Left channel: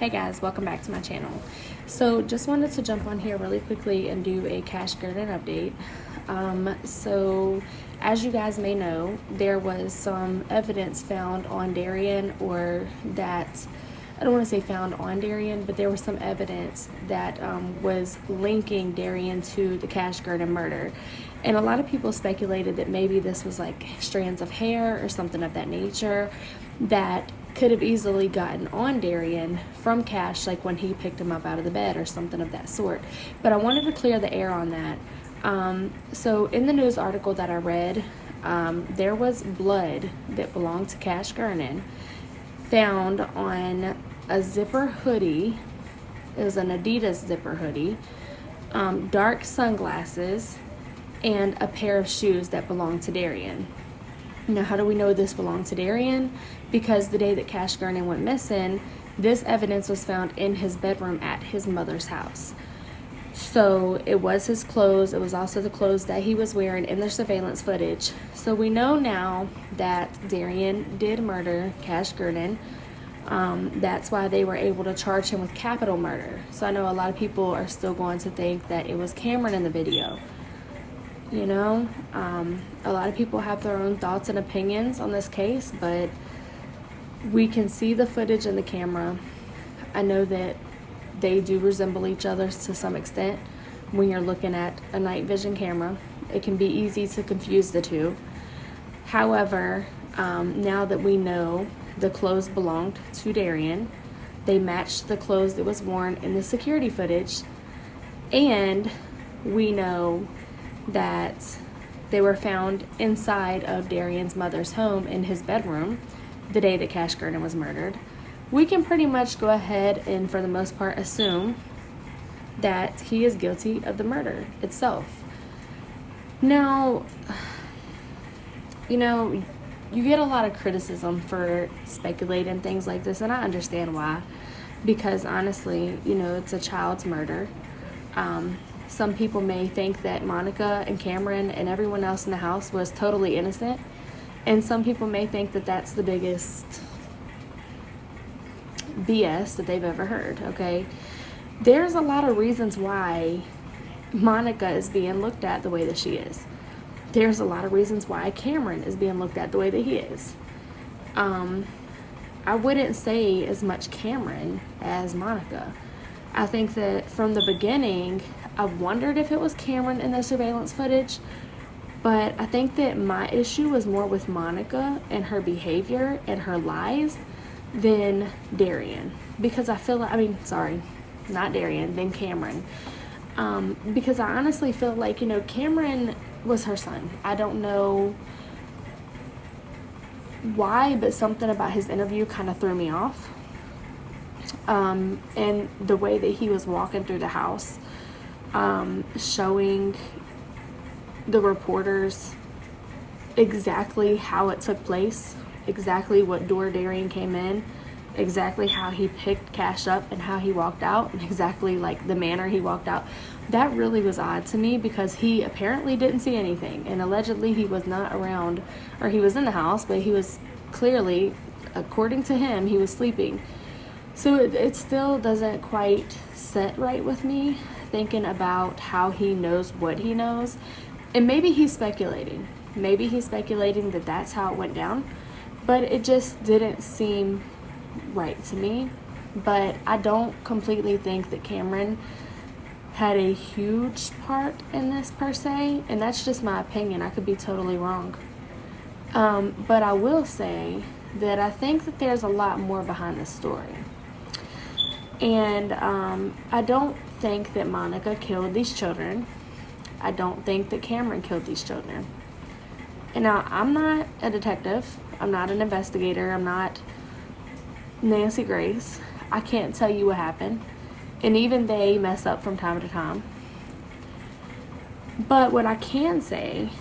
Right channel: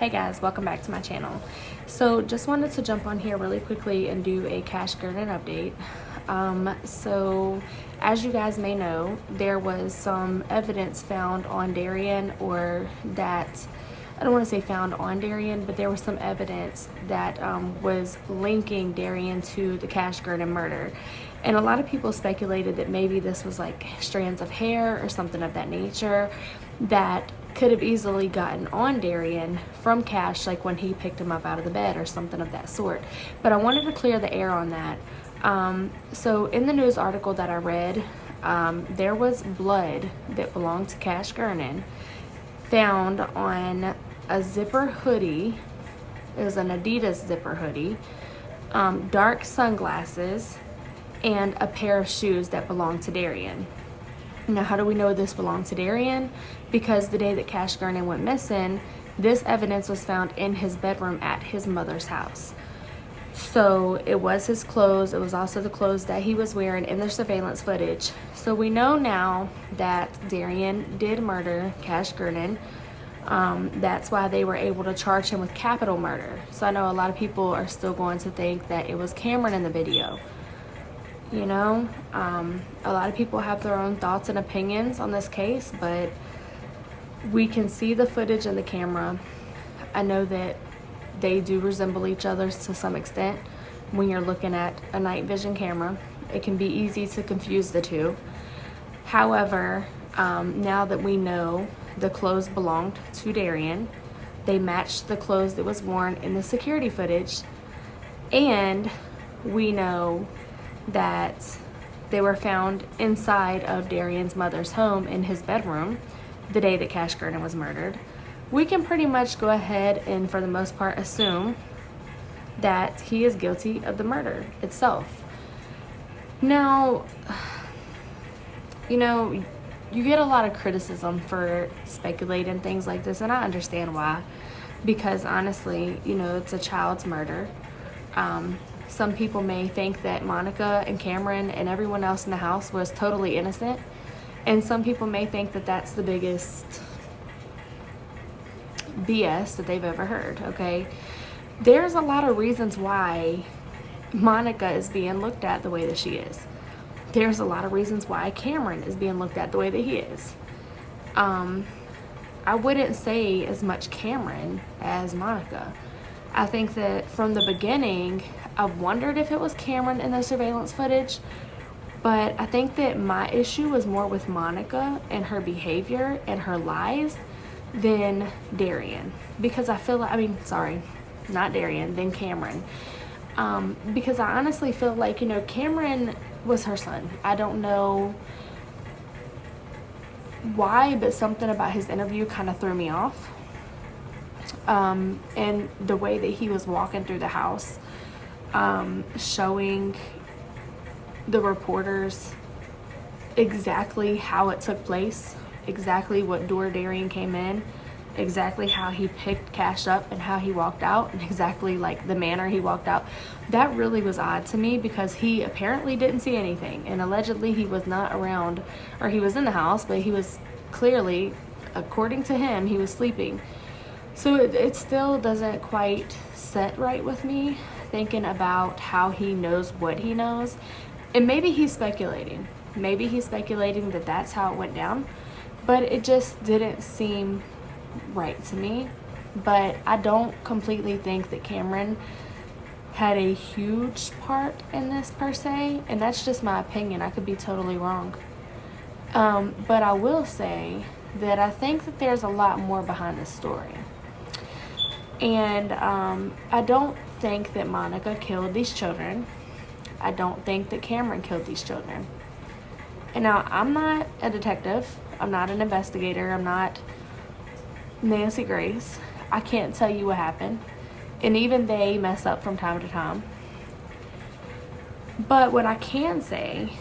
Hey guys, welcome back to my channel. So just wanted to jump on here really quickly and do a cashgernon update. So as you guys may know, there was some evidence found on DARRYINN, or that, I don't want to say found on DARRYINN, but there was some evidence that was linking DARRYINN to the cashgernon murder. And a lot of people speculated that maybe this was like strands of hair or something of that nature that could have easily gotten on DARRYINN from Cash, like when he picked him up out of the bed or something of that sort. But I wanted to clear the air on that. So in the news article that I read, there was blood that belonged to cashgernon found on a zipper hoodie. It was an Adidas zipper hoodie, dark sunglasses, and a pair of shoes that belonged to DARRYINN. Now, how do we know this belonged to DARRYINN? Because the day that cashgernon went missing, this evidence was found in his bedroom at his mother's house. So it was his clothes. It was also the clothes that he was wearing in the surveillance footage. So we know now that DARRYINN did murder cashgernon. That's why they were able to charge him with capital murder. So I know a lot of people are still going to think that it was Cameron in the video. You know, a lot of people have their own thoughts and opinions on this case, but we can see the footage in the camera. I know that they do resemble each other to some extent. When you're looking at a night vision camera, it can be easy to confuse the two. However, now that we know the clothes belonged to DARRYINN, they matched the clothes that was worn in the security footage, and we know that they were found inside of DARRYINN's mother's home in his bedroom the day that cashgernon was murdered. We can pretty much go ahead and, for the most part, assume that he is guilty of the murder itself. Now, you know, you get a lot of criticism for speculating things like this, and I understand why. Because honestly, you know, it's a child's murder. Some people may think that Monica and Cameron and everyone else in the house was totally innocent. And some people may think that that's the biggest BS that they've ever heard, okay? There's a lot of reasons why Monica is being looked at the way that she is. There's a lot of reasons why Cameron is being looked at the way that he is. I wouldn't say as much Cameron as Monica. I think that from the beginning, I've wondered if it was Cameron in the surveillance footage, but I think that my issue was more with Monica and her behavior and her lies than DARRYINN. Because I feel like, not DARRYINN, then Cameron. Because I honestly feel like, you know, Cameron was her son. I don't know why, but something about his interview kind of threw me off. And the way that he was walking through the house, showing the reporters exactly how it took place, exactly what door DARRYINN came in, exactly how he picked Cash up and how he walked out, and exactly like the manner he walked out. That really was odd to me, because he apparently didn't see anything, and allegedly he was not around, or he was in the house, but he was clearly, according to him, he was sleeping. So it still doesn't quite sit right with me, thinking about how he knows what he knows. And maybe he's speculating. Maybe he's speculating that that's how it went down. But it just didn't seem right to me. But I don't completely think that Cameron had a huge part in this per se. And that's just my opinion. I could be totally wrong. But I will say that I think that there's a lot more behind the story. And I don't think that Monica killed these children. I don't think that Cameron killed these children. And now, I'm not a detective. I'm not an investigator. I'm not Nancy Grace. I can't tell you what happened. And even they mess up from time to time. But what I can say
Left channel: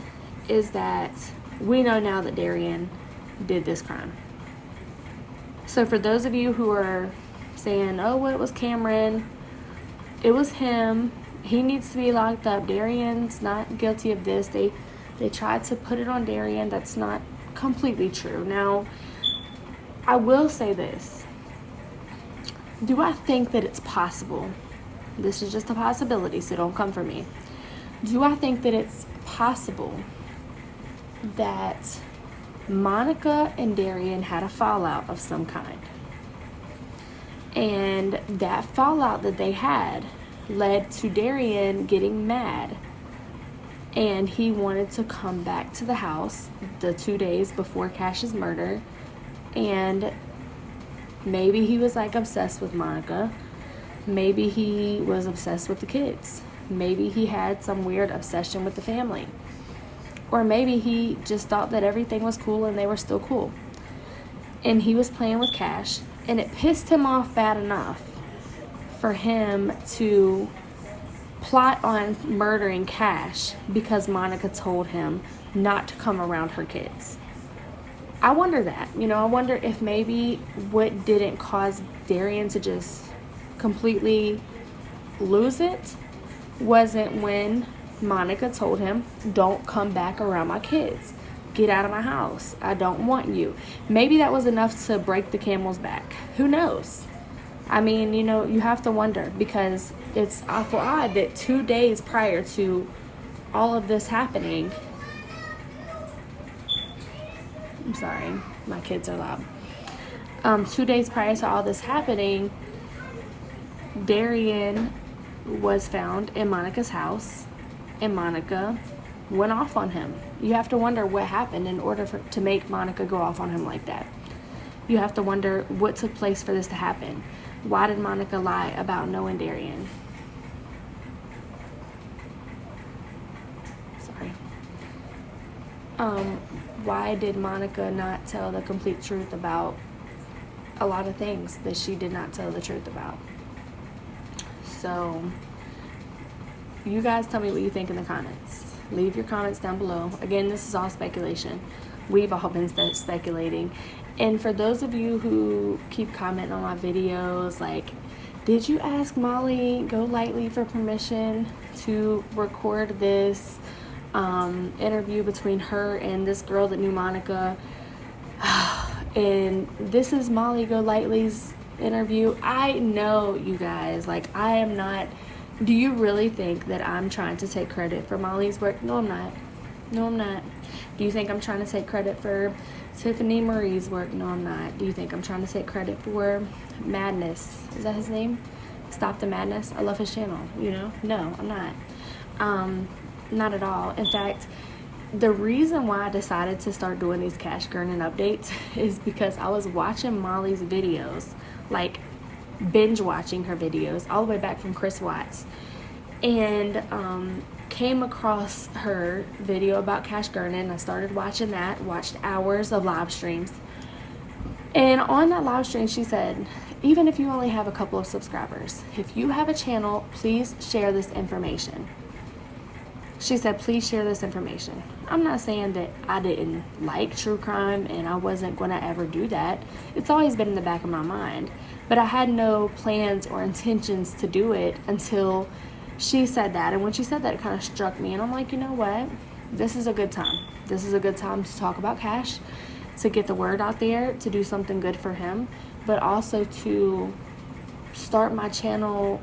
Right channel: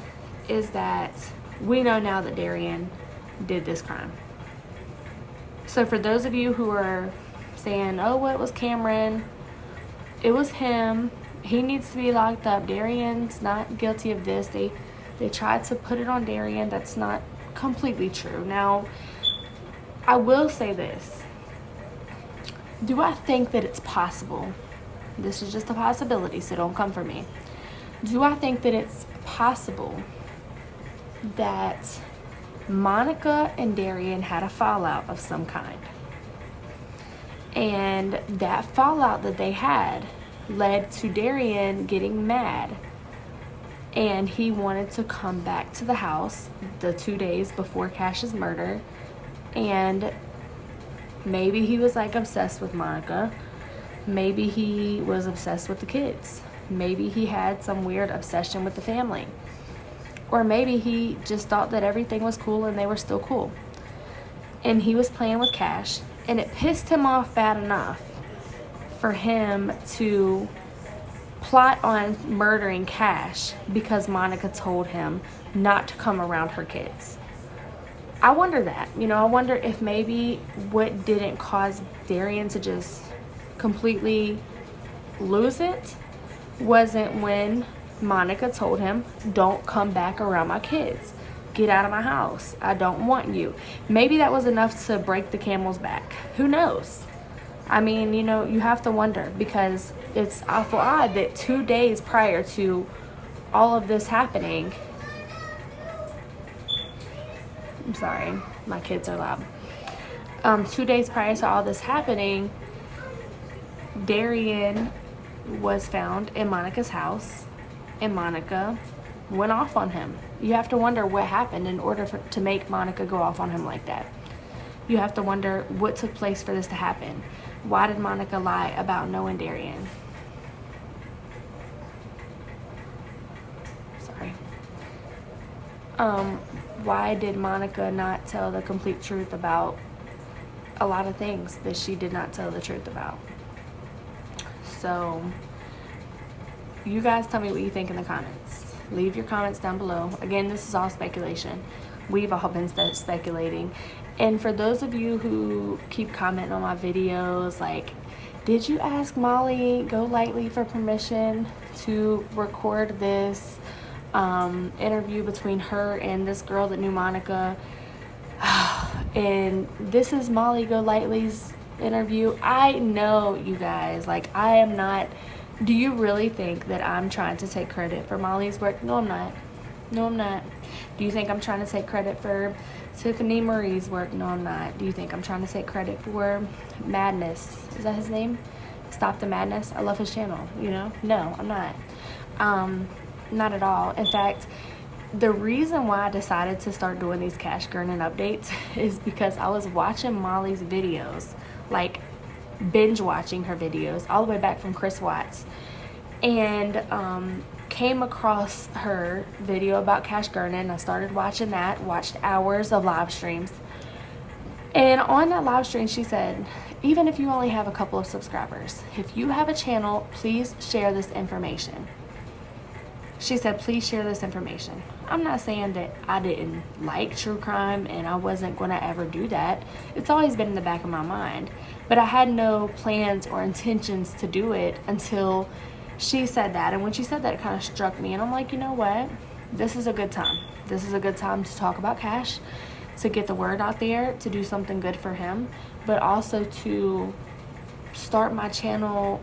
is that we know now that DARRYINN did this crime. So for those of you who are saying, oh, well, it was Cameron, it was him, he needs to be locked up, DARRYINN's not guilty of this, they tried to put it on DARRYINN, that's not completely true. Now, I will say this, Do I think that it's possible? This is just a possibility, so don't come for me. Do I think that it's possible that Monica and Darrien had a fallout of some kind? And that fallout that they had led to Darrien getting mad. And he wanted to come back to the house the 2 days before Cash's murder. And maybe he was like obsessed with Monica. Maybe he was obsessed with the kids. Maybe he had some weird obsession with the family. Or maybe he just thought that everything was cool and they were still cool. And he was playing with Cash, and it pissed him off bad enough for him to plot on murdering Cash because Monica told him not to come around her kids. I wonder that. I wonder if maybe what didn't cause Darrien to just completely lose it wasn't when Monica told him, don't come back around my kids. Get out of my house. I don't want you. Maybe that was enough to break the camel's back. Who knows? I mean, you have to wonder, because it's awful odd that 2 days prior to all of this happening, I'm sorry, my kids are loud. 2 days prior to all this happening, Darrien was found in Monica's house, and Monica went off on him. You have to wonder what happened in order to make Monica go off on him like that. You have to wonder what took place for this to happen. Why did Monica lie about knowing Darrien? Sorry. Why did Monica not tell the complete truth about a lot of things that she did not tell the truth about? So, you guys tell me what you think in the comments. Leave your comments down below. Again, this is all speculation. We've all been speculating. And for those of you who keep commenting on my videos, like, did you ask Molly Golightly for permission to record this interview between her and this girl that knew Monica? And this is Molly Golightly's interview. I know, you guys, like, I am not. Do you really think that I'm trying to take credit for Molly's work? No, I'm not. No, I'm not. Do you think I'm trying to take credit for Tiffany Marie's work? No, I'm not. Do you think I'm trying to take credit for Madness? Is that his name? Stop the Madness? I love his channel, No, I'm not. Not at all. In fact, the reason why I decided to start doing these cashgernon updates is because I was watching Molly's videos, like binge watching her videos all the way back from Chris Watts, and came across her video about cashgernon. I started watching that, watched hours of live streams, and on that live stream she said, even if you only have a couple of subscribers, if you have a channel, please share this information. She said, please share this information. I'm not saying that I didn't like true crime and I wasn't going to ever do that. It's always been in the back of my mind. But I had no plans or intentions to do it until she said that. And when she said that, it kind of struck me. And I'm like, you know what? This is a good time. This is a good time to talk about Cash, to get the word out there, to do something good for him, but also to start my channel,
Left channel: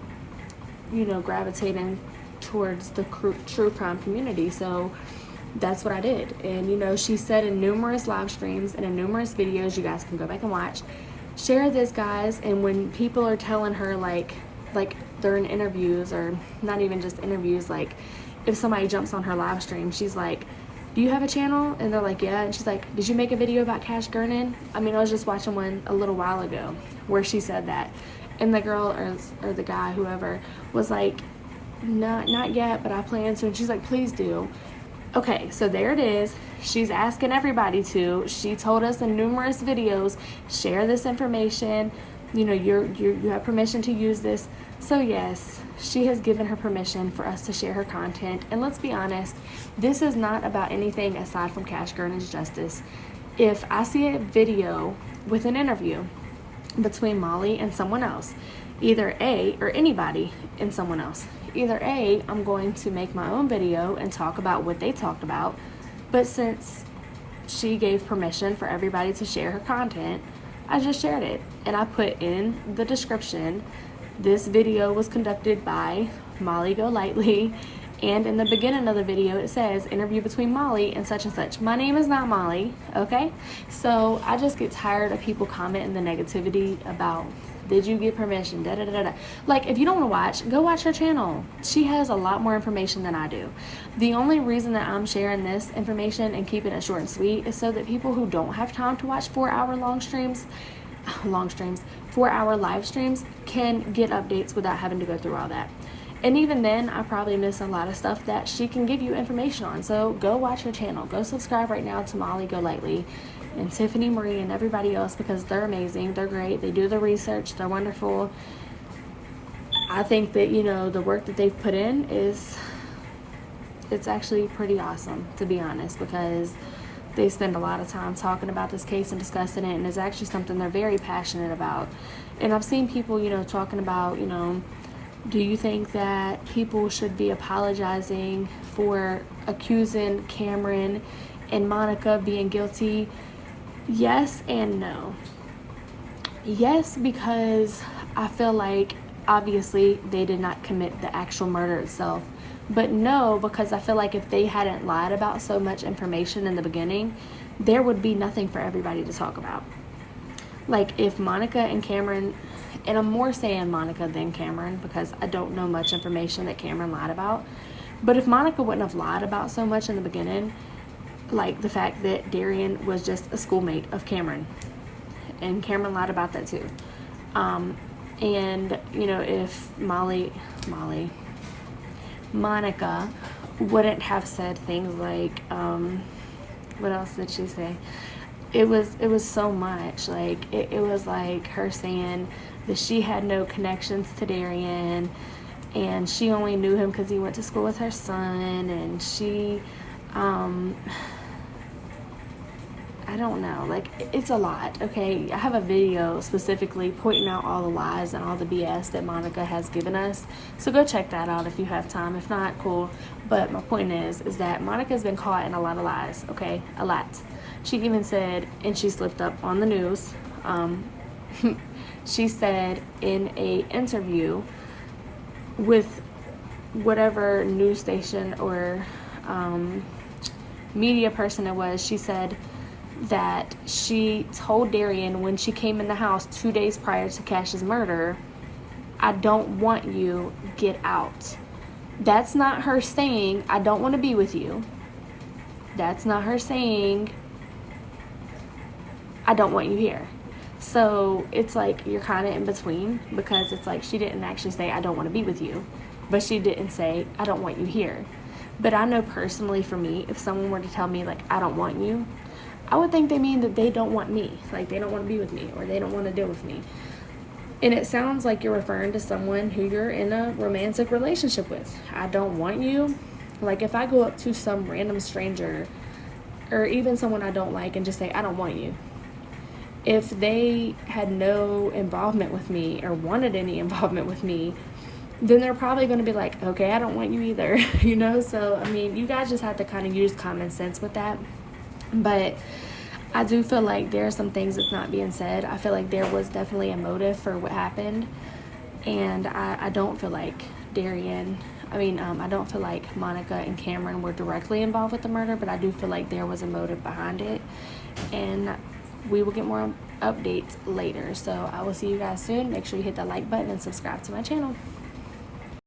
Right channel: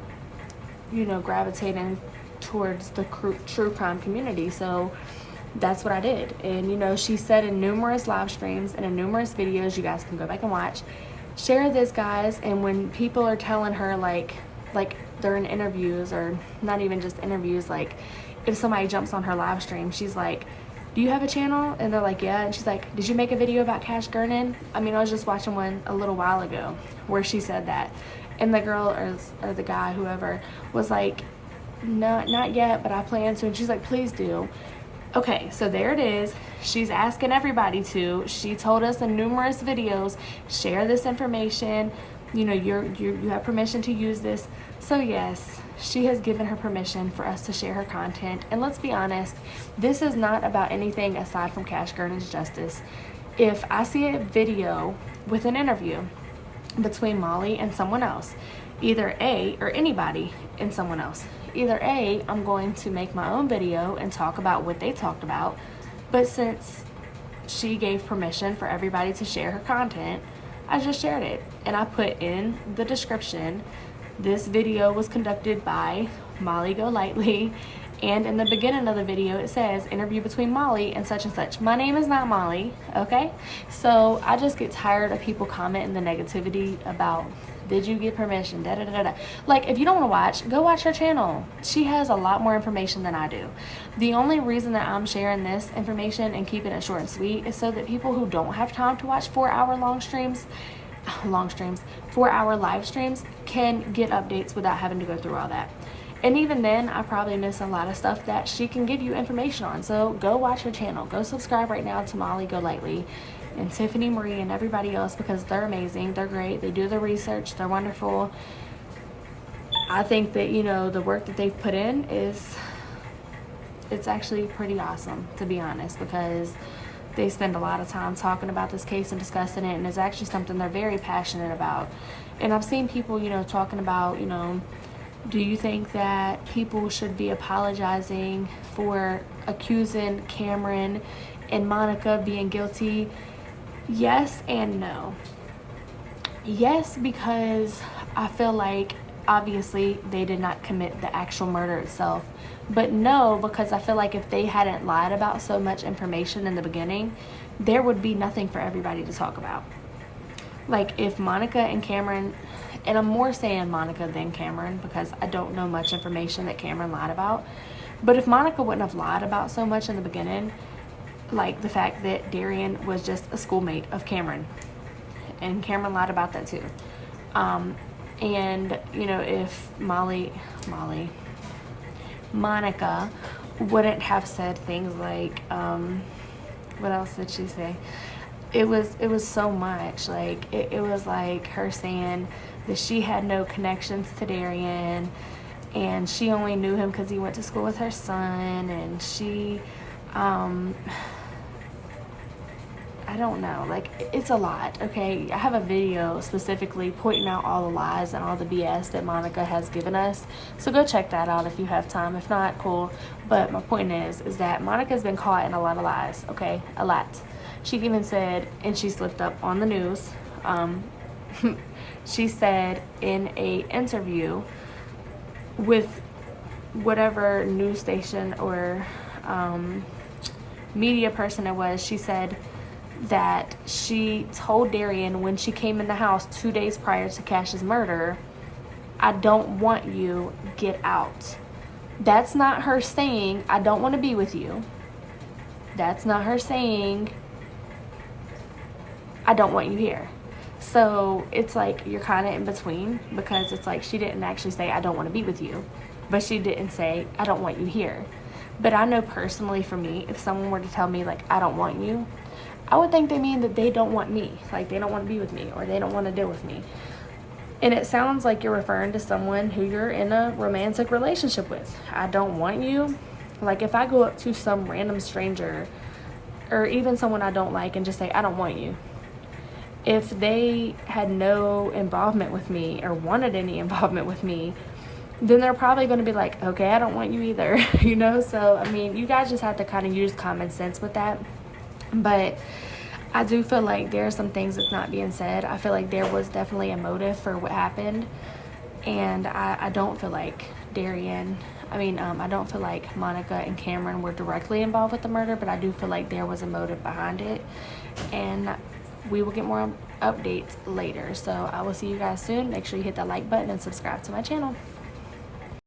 gravitating towards the true crime community. So that's what I did. And she said in numerous live streams and in numerous videos, you guys can go back and watch, share this, guys. And when people are telling her, like they're in interviews, or not even just interviews, like if somebody jumps on her live stream, she's like, do you have a channel? And they're like, yeah. And she's like, did you make a video about cashgernon? I mean, I was just watching one a little while ago where she said that, and the girl or the guy, whoever, was like, no, not yet, but I plan to. And she's like, please do. Okay, so there it is. She's asking everybody to. She told us in numerous videos, share this information. You have permission to use this. So yes, she has given her permission for us to share her content. And let's be honest, this is not about anything aside from cashgernon's justice. If I see a video with an interview between Molly and someone else, either A, or anybody and someone else, either A, I'm going to make my own video and talk about what they talked about, but since she gave permission for everybody to share her content, I just shared it, and I put in the description, this video was conducted by Molly Golightly, and in the beginning of the video it says interview between Molly and such. My name is not Molly, okay? So I just get tired of people commenting the negativity about, did you get permission, da da da da. Like, if you don't want to watch, go watch her channel. She has a lot more information than I do. The only reason that I'm sharing this information and keeping it short and sweet is so that people who don't have time to watch 4-hour live streams can get updates without having to go through all that. And even then, I probably miss a lot of stuff that she can give you information on. So go watch her channel. Go subscribe right now to Molly Golightly and Tiffany Marie and everybody else, because they're amazing. They're great. They do the research. They're wonderful. I think that, you know, the work that they've put in it's actually pretty awesome, to be honest, because they spend a lot of time talking about this case and discussing it, and it's actually something they're very passionate about. And I've seen people, you know, talking about, you know, do you think that people should be apologizing for accusing Cameron and Monica being guilty? Yes and no. Yes, because I feel like obviously they did not commit the actual murder itself. But no, because I feel like if they hadn't lied about so much information in the beginning, there would be nothing for everybody to talk about. Like, if Monica and Cameron, and I'm more saying Monica than Cameron because I don't know much information that Cameron lied about, but if Monica wouldn't have lied about so much in the beginning, like the fact that Darryn was just a schoolmate of Cameron, and Cameron lied about that too. And, you know, if Monica wouldn't have said things like, what else did she say? It was so much. Like, it was like her saying that she had no connections to Darryn, and she only knew him because he went to school with her son, and she, I don't know, like, it's a lot, okay? I have a video specifically pointing out all the lies and all the BS that Monica has given us, so go check that out if you have time. If not, cool. But my point is that Monica's been caught in a lot of lies, okay? A lot. She even said, and she slipped up on the news, she said in a interview with whatever news station or media person it was, she said that she told Darryn when she came in the house 2 days prior to Cash's murder, I don't want you, get out. That's not her saying, I don't want to be with you. That's not her saying, I don't want you here. So it's like you're kind of in between, because it's like she didn't actually say, I don't want to be with you, but she didn't say, I don't want you here. But I know personally for me, if someone were to tell me, like, I don't want you, I would think they mean that they don't want me, like they don't want to be with me, or they don't want to deal with me. And it sounds like you're referring to someone who you're in a romantic relationship with. I don't want you. Like, if I go up to some random stranger, or even someone I don't like, and just say, I don't want you, if they had no involvement with me or wanted any involvement with me, then they're probably going to be like, okay, I don't want you either, you know? So, I mean, you guys just have to kind of use common sense with that. But I do feel like there are some things that's not being said. I feel like there was definitely a motive for what happened. And I don't feel like I don't feel like Monica and Cameron were directly involved with the murder, but I do feel like there was a motive behind it. And we will get more updates later. So I will see you guys soon. Make sure you hit that like button and subscribe to my channel.